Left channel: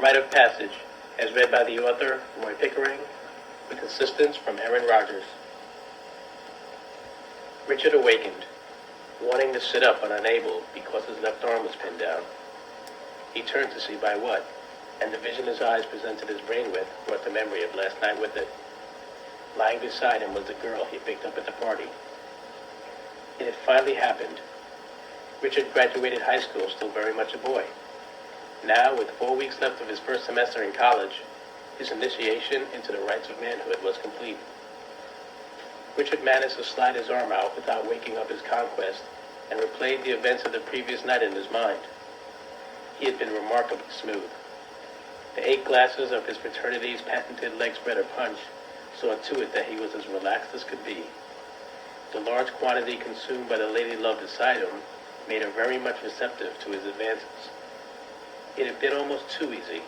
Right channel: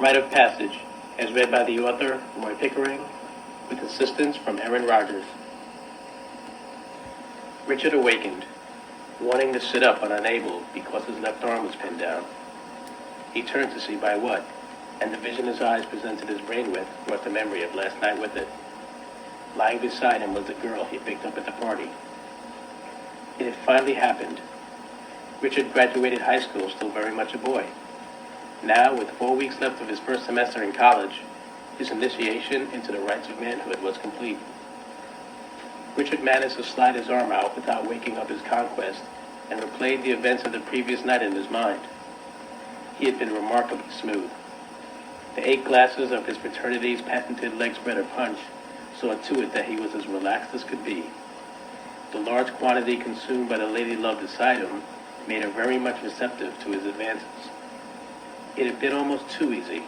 Rite of Passage, as read by the author, Roy Pickering, with assistance from Aaron Rogers. Richard awakened, wanting to sit up but unable because his left arm was pinned down. He turned to see by what, and the vision his eyes presented his brain with brought the memory of last night with it. Lying beside him was the girl he picked up at the party. It had finally happened. Richard graduated high school still very much a boy. Now, with 4 weeks left of his first semester in college, his initiation into the rights of manhood was complete. Richard managed to slide his arm out without waking up his conquest and replayed the events of the previous night in his mind. He had been remarkably smooth. The 8 glasses of his fraternity's patented leg spreader punch saw to it that he was as relaxed as could be. The large quantity consumed by the lady love beside him made her very much receptive to his advances. It had been almost too easy.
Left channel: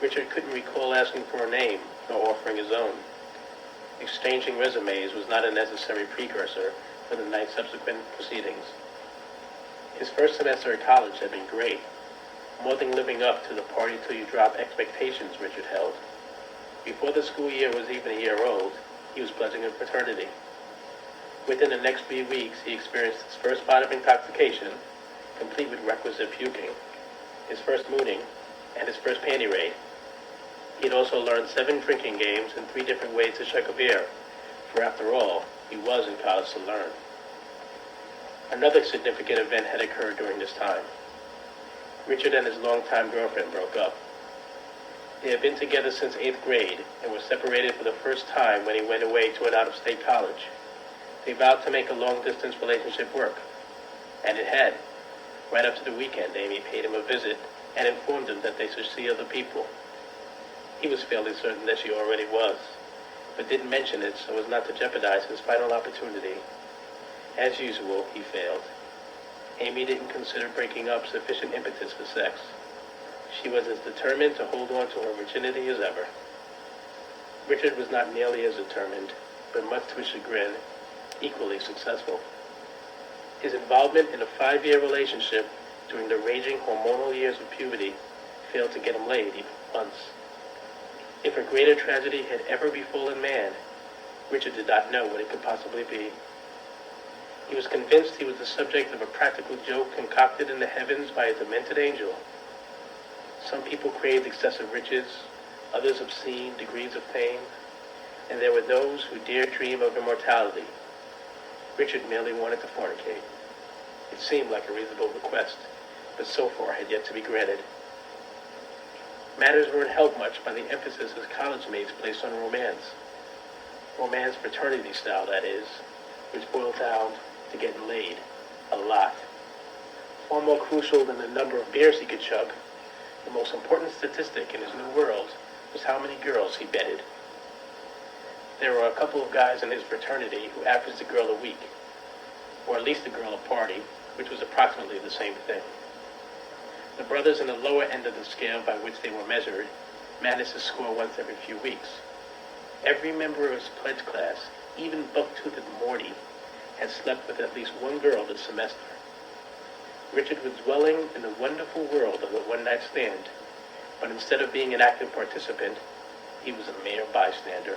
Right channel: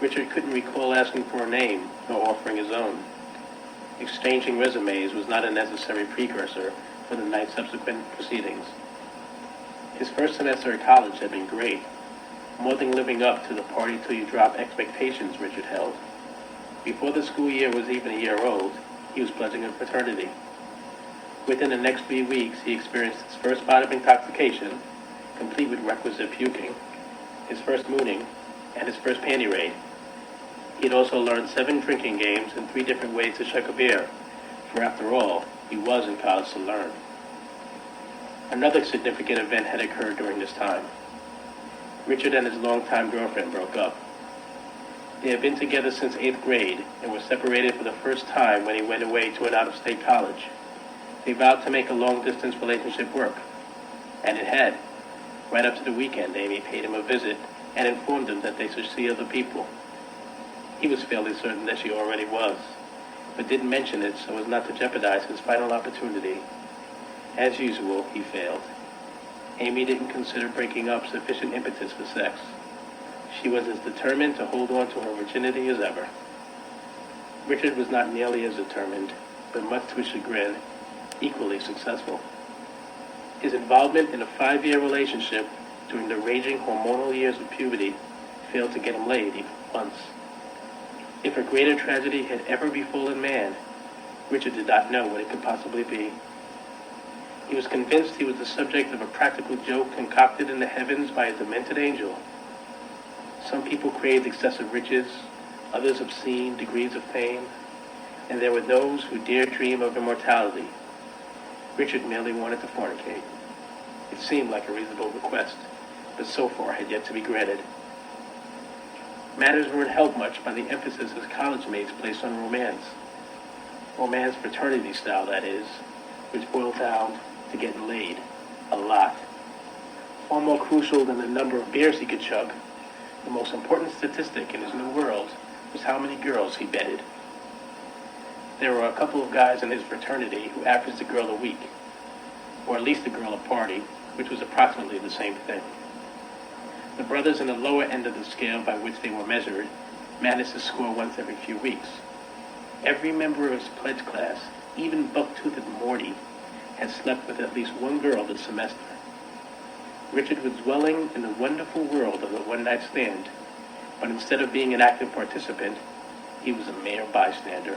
Richard couldn't recall asking for a name or offering his own. Exchanging resumes was not a necessary precursor for the night's subsequent proceedings. His first semester at college had been great, more than living up to the party till you drop expectations Richard held. Before the school year was even a year old, he was pledging a fraternity. Within the next 3 weeks, he experienced his first bout of intoxication, complete with requisite puking, his first mooning, and his first panty raid. He had also learned 7 drinking games and 3 different ways to shuck a beer, for after all, he was in college to learn. Another significant event had occurred during this time. Richard and his longtime girlfriend broke up. They had been together since 8th grade and were separated for the first time when he went away to an out-of-state college. They vowed to make a long-distance relationship work, and it had. Right up to the weekend, Amy paid him a visit and informed him that they should see other people. He was fairly certain that she already was, but didn't mention it so as not to jeopardize his final opportunity. As usual, he failed. Amy didn't consider breaking up sufficient impetus for sex. She was as determined to hold on to her virginity as ever. Richard was not nearly as determined, but much to his chagrin, equally successful. His involvement in a 5-year relationship during the raging hormonal years of puberty failed to get him laid even once. If a greater tragedy had ever befallen man, Richard did not know what it could possibly be. He was convinced he was the subject of a practical joke concocted in the heavens by a demented angel. Some people craved excessive riches, others obscene degrees of fame, and there were those who dared dream of immortality. Richard merely wanted to fornicate. It seemed like a reasonable request, but so far had yet to be granted. Matters weren't helped much by the emphasis his college mates placed on romance. Romance fraternity style, that is, which boiled down to getting laid a lot. Far more crucial than the number of beers he could chug, the most important statistic in his new world was how many girls he bedded. There were a couple of guys in his fraternity who averaged a girl a week, or at least a girl a party, which was approximately the same thing. The brothers in the lower end of the scale by which they were measured managed to score once every few weeks. Every member of his pledge class, even buck-toothed Morty, had slept with at least one girl this semester. Richard was dwelling in the wonderful world of the one-night stand, but instead of being an active participant, he was a mere bystander.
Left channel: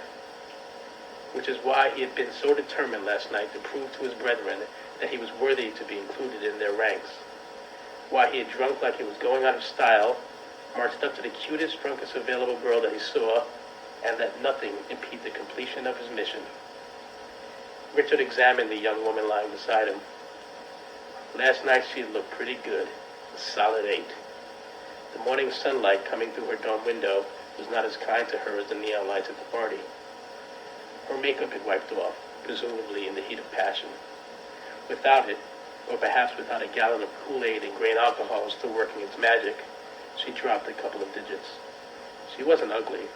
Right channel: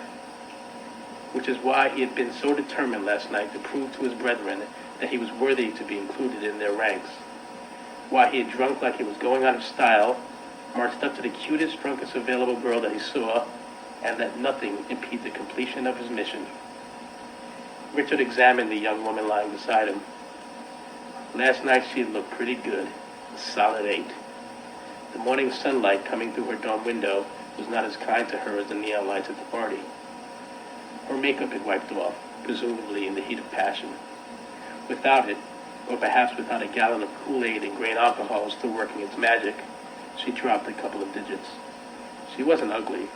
Which is why he had been so determined last night to prove to his brethren that he was worthy to be included in their ranks. Why he had drunk like he was going out of style, marched up to the cutest, drunkest available girl that he saw, and let nothing impede the completion of his mission. Richard examined the young woman lying beside him. Last night she had looked pretty good, a solid 8. The morning sunlight coming through her dorm window was not as kind to her as the neon lights at the party. Her makeup had wiped off, presumably in the heat of passion. Without it, or perhaps without a gallon of Kool-Aid and grain alcohol still working its magic, she dropped a couple of digits. She wasn't ugly,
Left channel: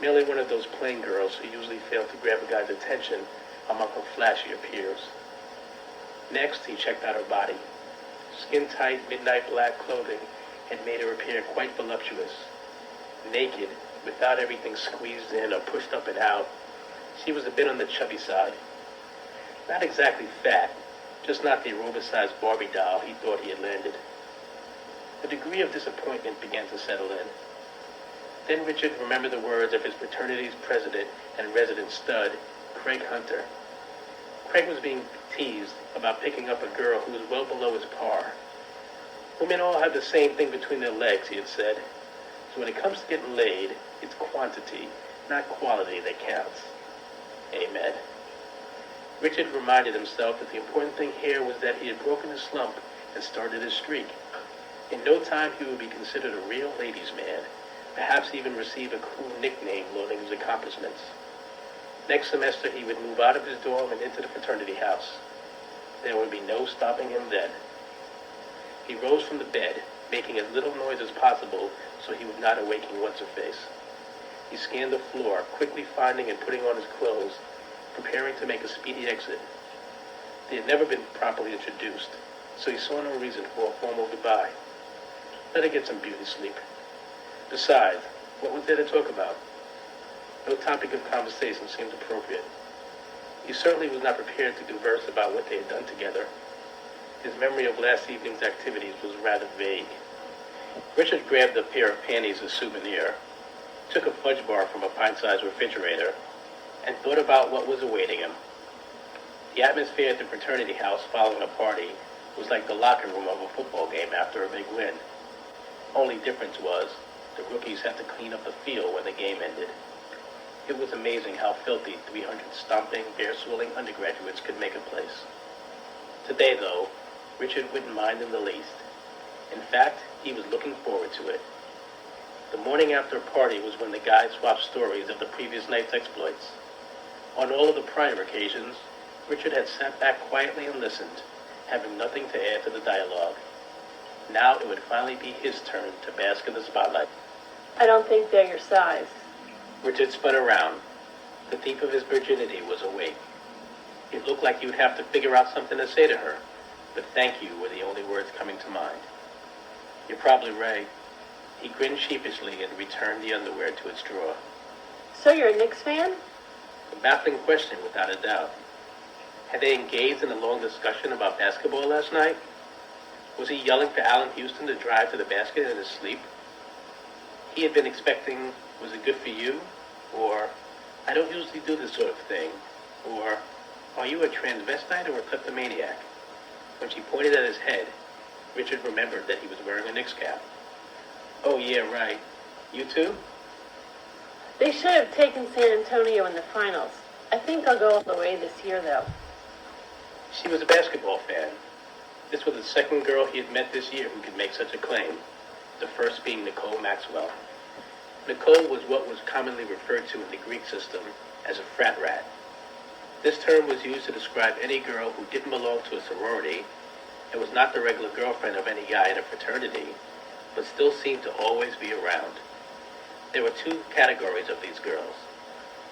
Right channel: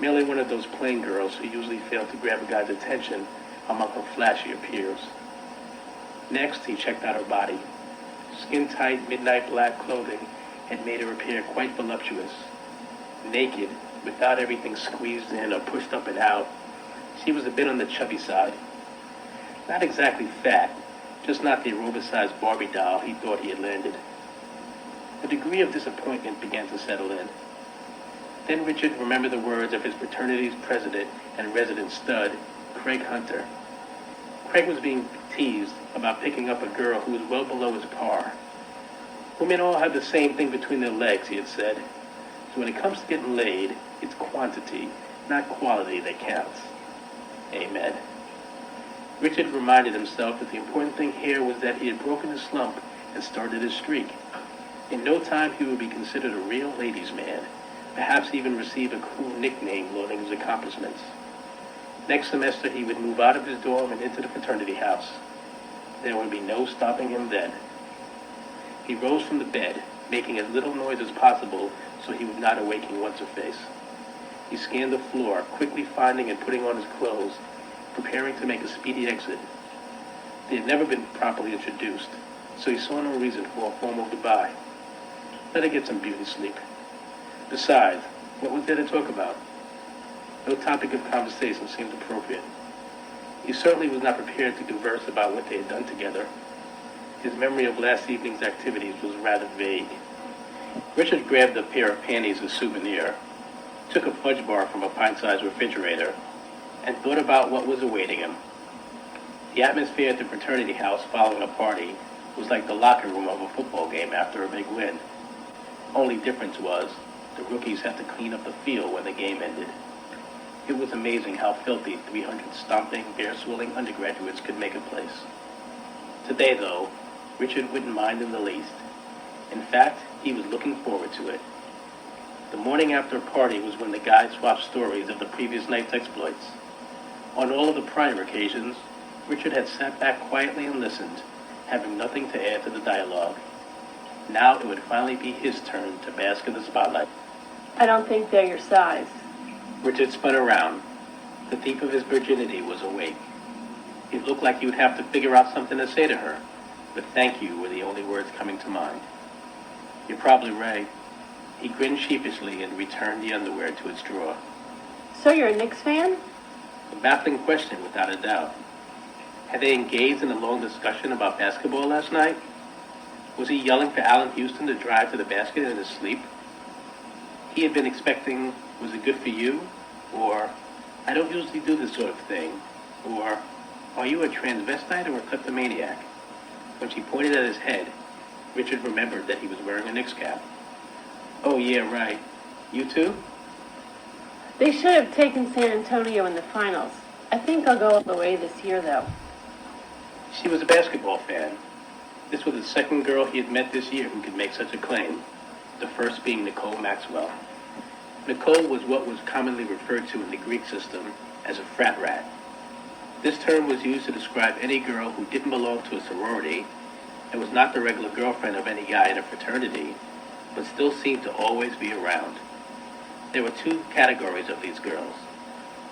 merely one of those plain girls who usually fail to grab a guy's attention among her flashier peers. Next, he checked out her body. Skin-tight, midnight black clothing had made her appear quite voluptuous. Naked, without everything squeezed in or pushed up and out, she was a bit on the chubby side. Not exactly fat, just not the aerobicized Barbie doll he thought he had landed. A degree of disappointment began to settle in. Then Richard remembered the words of his fraternity's president and resident stud, Craig Hunter. Craig was being teased about picking up a girl who was well below his par. Women all have the same thing between their legs, he had said. So when it comes to getting laid, it's quantity, not quality, that counts. Amen. Richard reminded himself that the important thing here was that he had broken the slump and started his streak. In no time he would be considered a real ladies' man, perhaps even receive a cool nickname loaning his accomplishments. Next semester he would move out of his dorm and into the fraternity house. There would be no stopping him then. He rose from the bed, making as little noise as possible so he would not awaken What's-Her-Face. He scanned the floor, quickly finding and putting on his clothes, preparing to make a speedy exit. They had never been properly introduced, so he saw no reason for a formal goodbye. Let her get some beauty sleep. Besides, what was there to talk about? No topic of conversation seemed appropriate. He certainly was not prepared to converse about what they had done together. His memory of last evening's activities was rather vague. Richard grabbed a pair of panties as a souvenir, took a fudge bar from a pint-sized refrigerator, and thought about what was awaiting him. The atmosphere at the fraternity house following a party was like the locker room of a football game after a big win. Only difference was the rookies had to clean up the field when the game ended. It was amazing how filthy 300 stomping, bear-swilling undergraduates could make a place. Today, though, Richard wouldn't mind in the least. In fact, he was looking forward to it. The morning after a party was when the guys swapped stories of the previous night's exploits. On all of the prior occasions, Richard had sat back quietly and listened, having nothing to add to the dialogue. Now it would finally be his turn to bask in the spotlight. I don't think they're your size. Richard spun around. The thief of his virginity was awake. It looked like he would have to figure out something to say to her, but thank you were the only words coming to mind. You're probably right. He grinned sheepishly and returned the underwear to its drawer. So you're a Knicks fan? A baffling question, without a doubt. Had they engaged in a long discussion about basketball last night? Was he yelling for Allen Houston to drive to the basket in his sleep? He had been expecting, was it good for you? Or, I don't usually do this sort of thing. Or, are you a transvestite or a kleptomaniac? When she pointed at his head, Richard remembered that he was wearing a Knicks cap. Oh, yeah, right. You too? They should have taken San Antonio in the finals. I think they'll go all the way this year, though. She was a basketball fan. This was the second girl he had met this year who could make such a claim, the first being Nicole Maxwell. Nicole was what was commonly referred to in the Greek system as a frat rat. This term was used to describe any girl who didn't belong to a sorority and was not the regular girlfriend of any guy in a fraternity, but still seemed to always be around. There were two categories of these girls:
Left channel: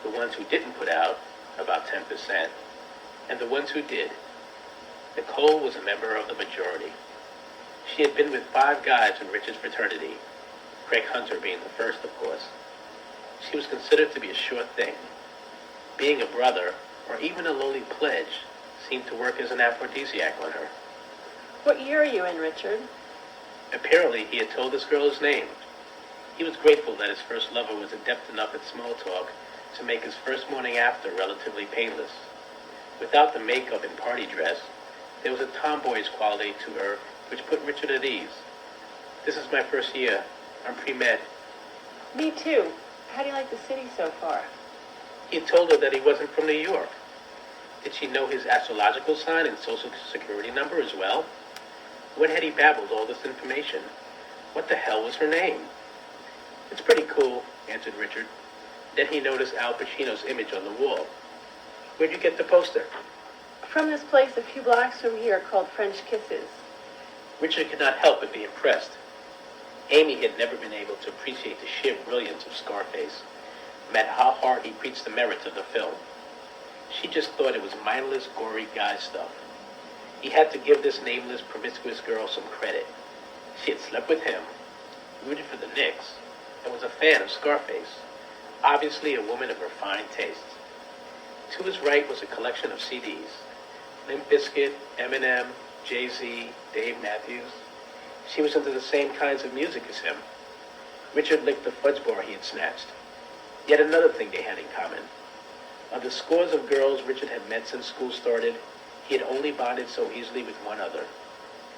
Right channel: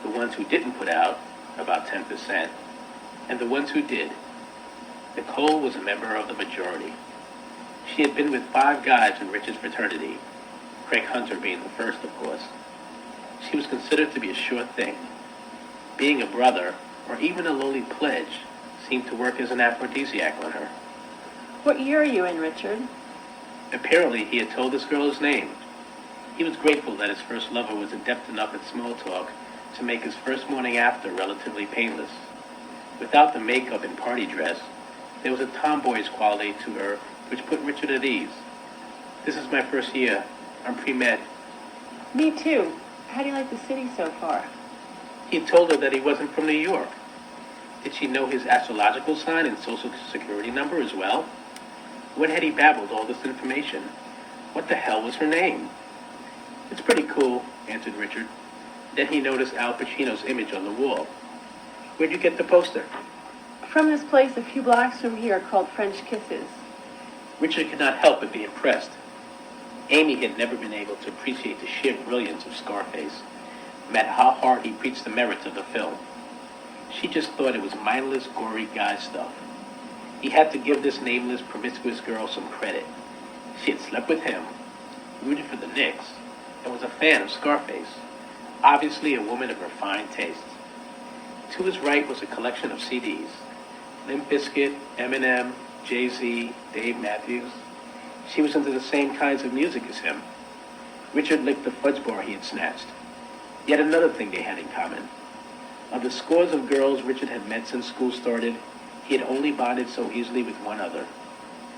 the ones who didn't put out, about 10%, and the ones who did. Nicole was a member of the majority. She had been with 5 guys in Richard's fraternity, Craig Hunter being the first, of course. She was considered to be a sure thing. Being a brother, or even a lowly pledge, seemed to work as an aphrodisiac on her. What year are you in, Richard? Apparently, he had told this girl his name. He was grateful that his first lover was adept enough at small talk to make his first morning after relatively painless. Without the makeup and party dress, there was a tomboyish quality to her which put Richard at ease. This is my first year. I'm pre-med. Me too. How do you like the city so far? He had told her that he wasn't from New York. Did she know his astrological sign and social security number as well? When had he babbled all this information? What the hell was her name? It's pretty cool, answered Richard. Then he noticed Al Pacino's image on the wall. Where'd you get the poster? From this place a few blocks from here called French Kisses. Richard could not help but be impressed. Amy had never been able to appreciate the sheer brilliance of Scarface, no matter how hard he preached the merits of the film. She just thought it was mindless, gory guy stuff. He had to give this nameless, promiscuous girl some credit. She had slept with him, rooted for the Knicks, and was a fan of Scarface, obviously a woman of refined tastes. To his right was a collection of CDs. Limp Bizkit, Eminem, Jay-Z, Dave Matthews. She was into the same kinds of music as him. Richard licked the fudge bar he had snatched. Yet another thing they had in common. Of the scores of girls Richard had met since school started, he had only bonded so easily with one other.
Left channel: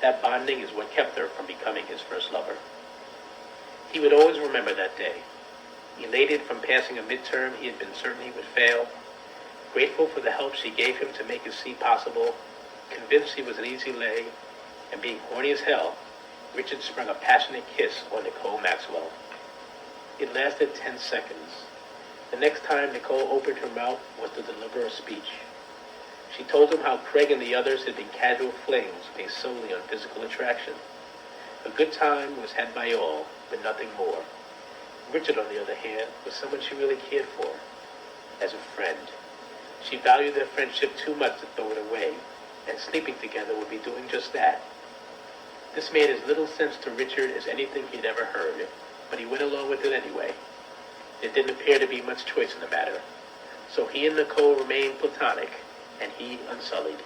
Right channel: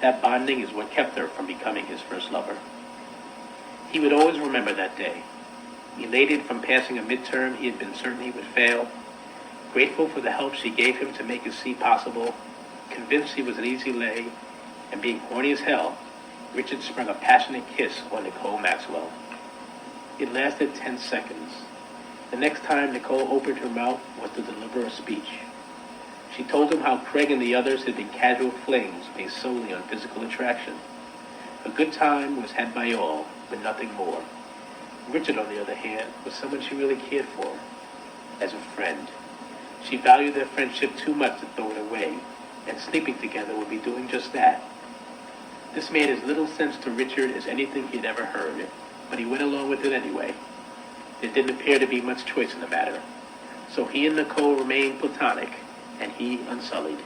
That bonding is what kept her from becoming his first lover. He would always remember that day. Elated from passing a midterm he had been certain he would fail, grateful for the help she gave him to make his C possible, convinced he was an easy lay, and being horny as hell, Richard sprung a passionate kiss on Nicole Maxwell. It lasted 10 seconds. The next time Nicole opened her mouth was to deliver a speech. She told him how Craig and the others had been casual flings based solely on physical attraction. A good time was had by all, but nothing more. Richard, on the other hand, was someone she really cared for, as a friend. She valued their friendship too much to throw it away, and sleeping together would be doing just that. This made as little sense to Richard as anything he'd ever heard, but he went along with it anyway. There didn't appear to be much choice in the matter, so he and Nicole remained platonic, and he unsullied.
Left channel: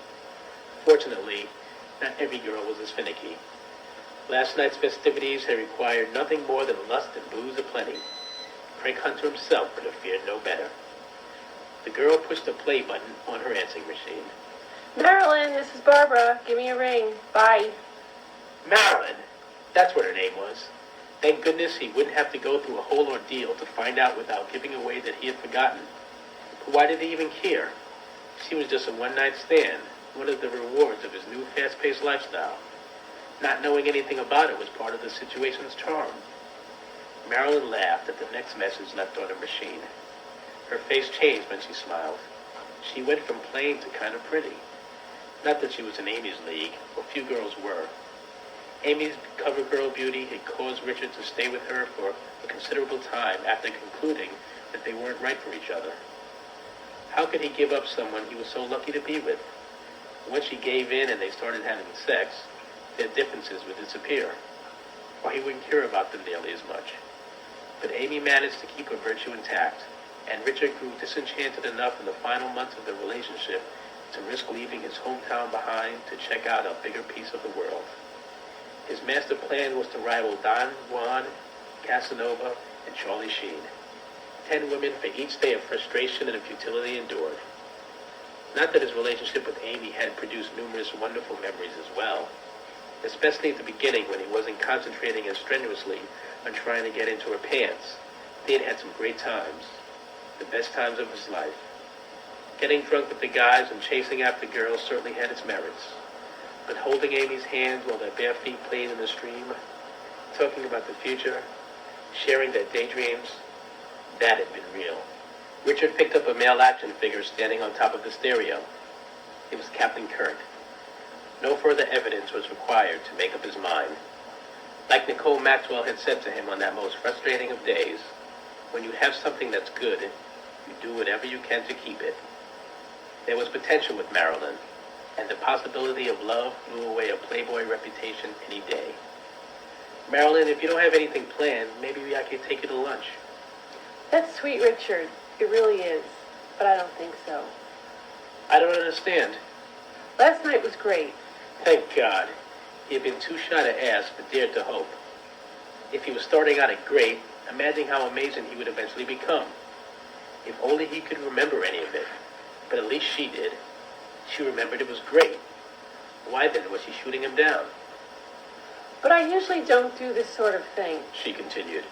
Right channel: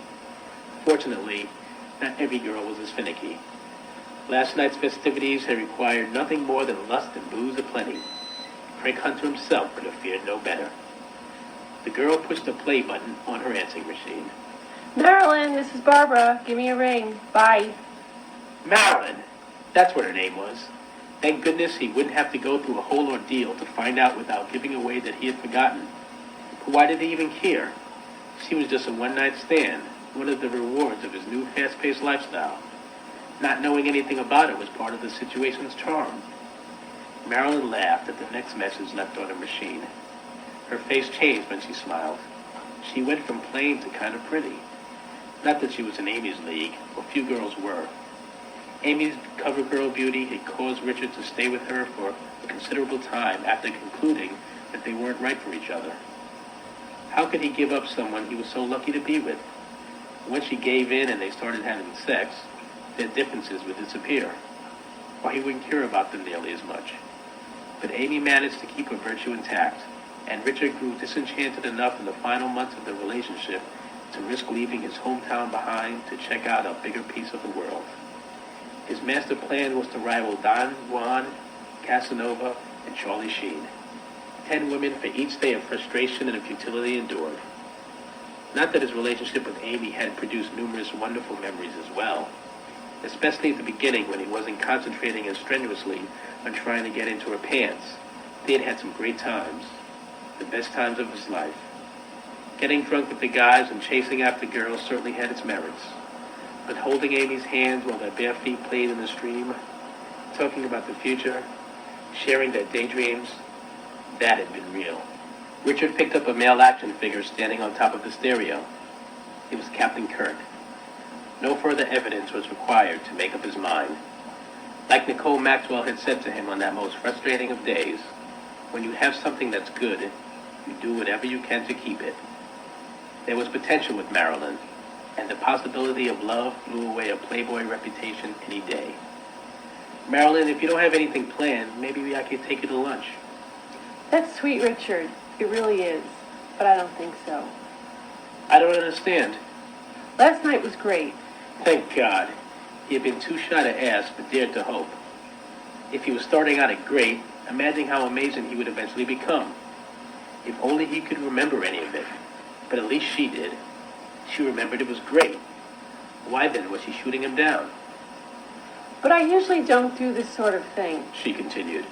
Fortunately, not every girl was as finicky. Last night's festivities had required nothing more than lust and booze aplenty. Craig Hunter himself could have feared no better. The girl pushed the play button on her answering machine. Marilyn, this is Barbara. Give me a ring. Bye. Marilyn! That's what her name was. Thank goodness he wouldn't have to go through a whole ordeal to find out without giving away that he had forgotten. But why did he even care? She was just a one-night stand, one of the rewards of his new fast-paced lifestyle. Not knowing anything about it was part of the situation's charm. Marilyn laughed at the next message left on her machine. Her face changed when she smiled. She went from plain to kind of pretty. Not that she was in Amy's league, or few girls were. Amy's cover girl beauty had caused Richard to stay with her for a considerable time after concluding that they weren't right for each other. How could he give up someone he was so lucky to be with? Once she gave in and they started having sex, their differences would disappear. Why, he wouldn't care about them nearly as much. But Amy managed to keep her virtue intact, and Richard grew disenchanted enough in the final months of their relationship to risk leaving his hometown behind to check out a bigger piece of the world. His master plan was to rival Don Juan, Casanova, and Charlie Sheen. 10 women for each day of frustration and futility endured. Not that his relationship with Amy had produced numerous wonderful memories as well, especially at the beginning when he wasn't concentrating as strenuously on trying to get into her pants. They had had some great times, the best times of his life. Getting drunk with the guys and chasing after girls certainly had its merits. But holding Amy's hands while their bare feet played in the stream, talking about the future, sharing their daydreams, that had been real. Richard picked up a male action figure standing on top of the stereo. It was Captain Kirk. No further evidence was required to make up his mind. Like Nicole Maxwell had said to him on that most frustrating of days, when you have something that's good, you do whatever you can to keep it. There was potential with Marilyn, and the possibility of love blew away a playboy reputation any day. Marilyn, if you don't have anything planned, maybe I could take you to lunch. That's sweet, Richard. It really is. But I don't think so. I don't understand. Last night was great. Thank God. He had been too shy to ask, but dared to hope. If he was starting out at great, imagine how amazing he would eventually become. If only he could remember any of it. But at least she did. She remembered it was great. Why then was he shooting him down? But I usually don't do this sort of thing, She continued.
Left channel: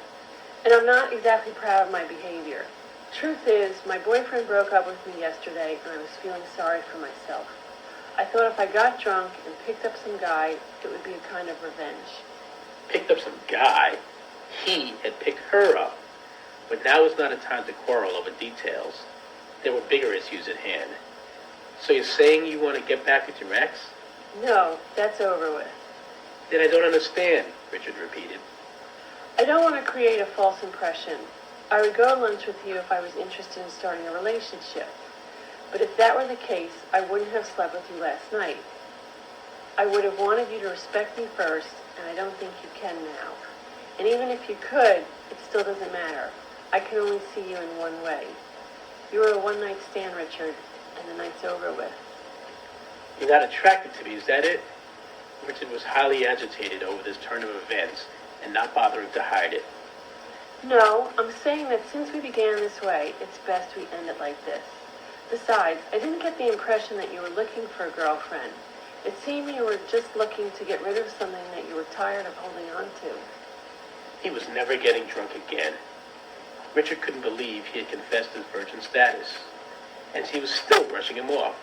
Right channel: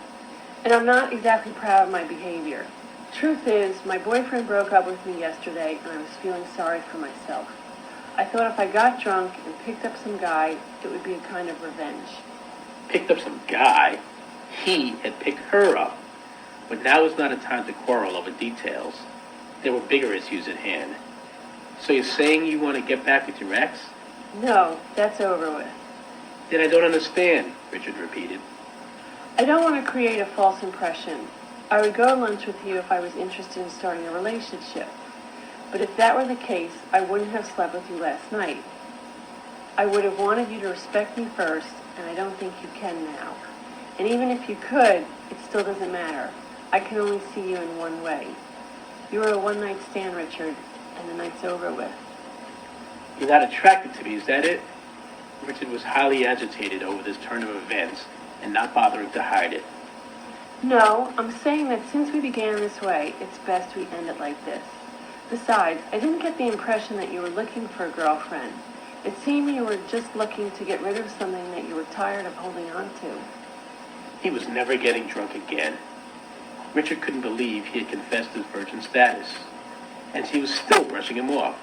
and I'm not exactly proud of my behavior. Truth is, my boyfriend broke up with me yesterday, and I was feeling sorry for myself. I thought if I got drunk and picked up some guy, it would be a kind of revenge. Picked up some guy? He had picked her up. But now was not a time to quarrel over details. There were bigger issues at hand. So you're saying you want to get back with your ex? No, that's over with. Then I don't understand, Richard repeated. I don't want to create a false impression. I would go to lunch with you if I was interested in starting a relationship. But if that were the case, I wouldn't have slept with you last night. I would have wanted you to respect me first, and I don't think you can now. And even if you could, it still doesn't matter. I can only see you in one way. You were a one-night stand, Richard, and the night's over with. You're not attracted to me, is that it? Richard was highly agitated over this turn of events and not bothering to hide it. No, I'm saying that since we began this way, it's best we end it like this. Besides, I didn't get the impression that you were looking for a girlfriend. It seemed you were just looking to get rid of something that you were tired of holding on to. He was never getting drunk again. Richard couldn't believe he had confessed his virgin status, and he was still brushing him off.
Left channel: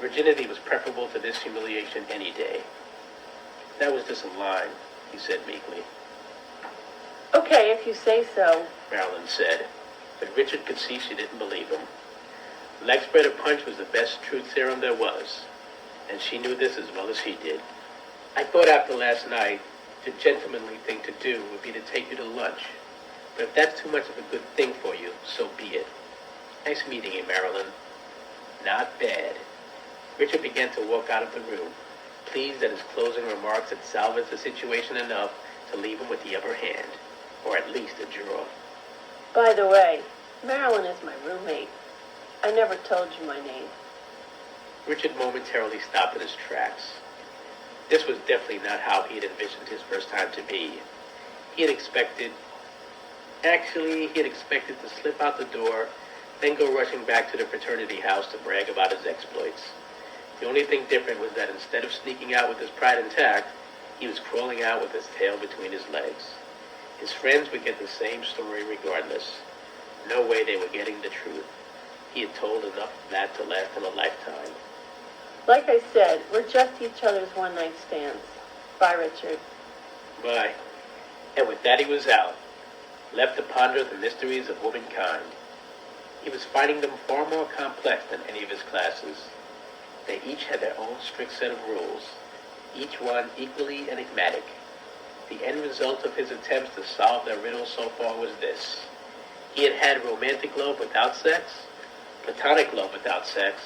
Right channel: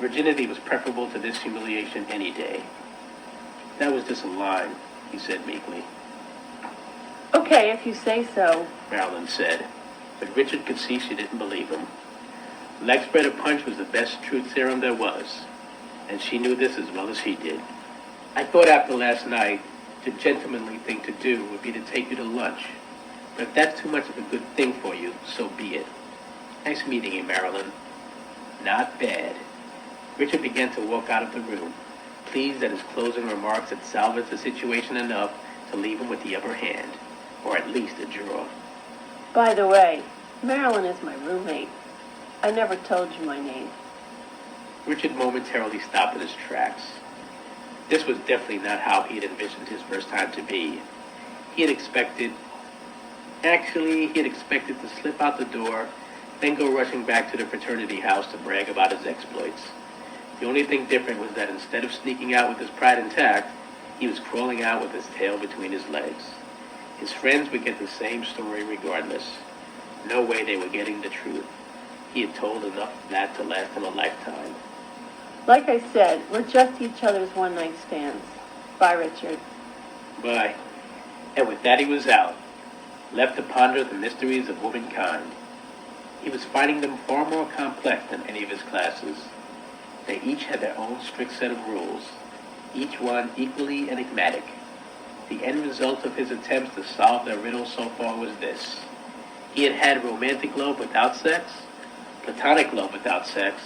Virginity was preferable to this humiliation any day. That was just a lie, he said meekly. Okay, if you say so. Marilyn said, but Richard could see she didn't believe him. Leg spreader punch was the best truth serum there was, and she knew this as well as he did. I thought after last night, the gentlemanly thing to do would be to take you to lunch. But if that's too much of a good thing for you, so be it. Nice meeting you, Marilyn. Not bad. Richard began to walk out of the room, pleased that his closing remarks had salvaged the situation enough to leave him with the upper hand, or at least a juror. By the way, Marilyn is my roommate. I never told you my name. Richard momentarily stopped in his tracks. This was definitely not how he had envisioned his first time to be. He had expected to slip out the door, then go rushing back to the fraternity house to brag about his exploits. The only thing different was that instead of sneaking out with his pride intact, he was crawling out with his tail between his legs. His friends would get the same story regardless. No way they were getting the truth. He had told enough of that to last him a lifetime. Like I said, we're just each other's one-night stands. Bye, Richard. Bye. And with that he was out, left to ponder the mysteries of womankind. He was finding them far more complex than any of his classes. They each had their own strict set of rules, each one equally enigmatic. The end result of his attempts to solve their riddle so far was this. He had had romantic love without sex, platonic love without sex,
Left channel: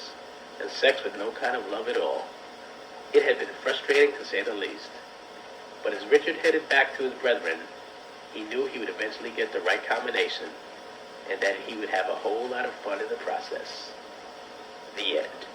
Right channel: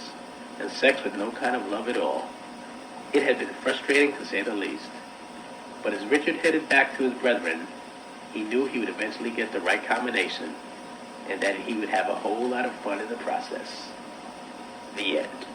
and sex with no kind of love at all. It had been frustrating to say the least. But as Richard headed back to his brethren, he knew he would eventually get the right combination, and that he would have a whole lot of fun in the process. The end.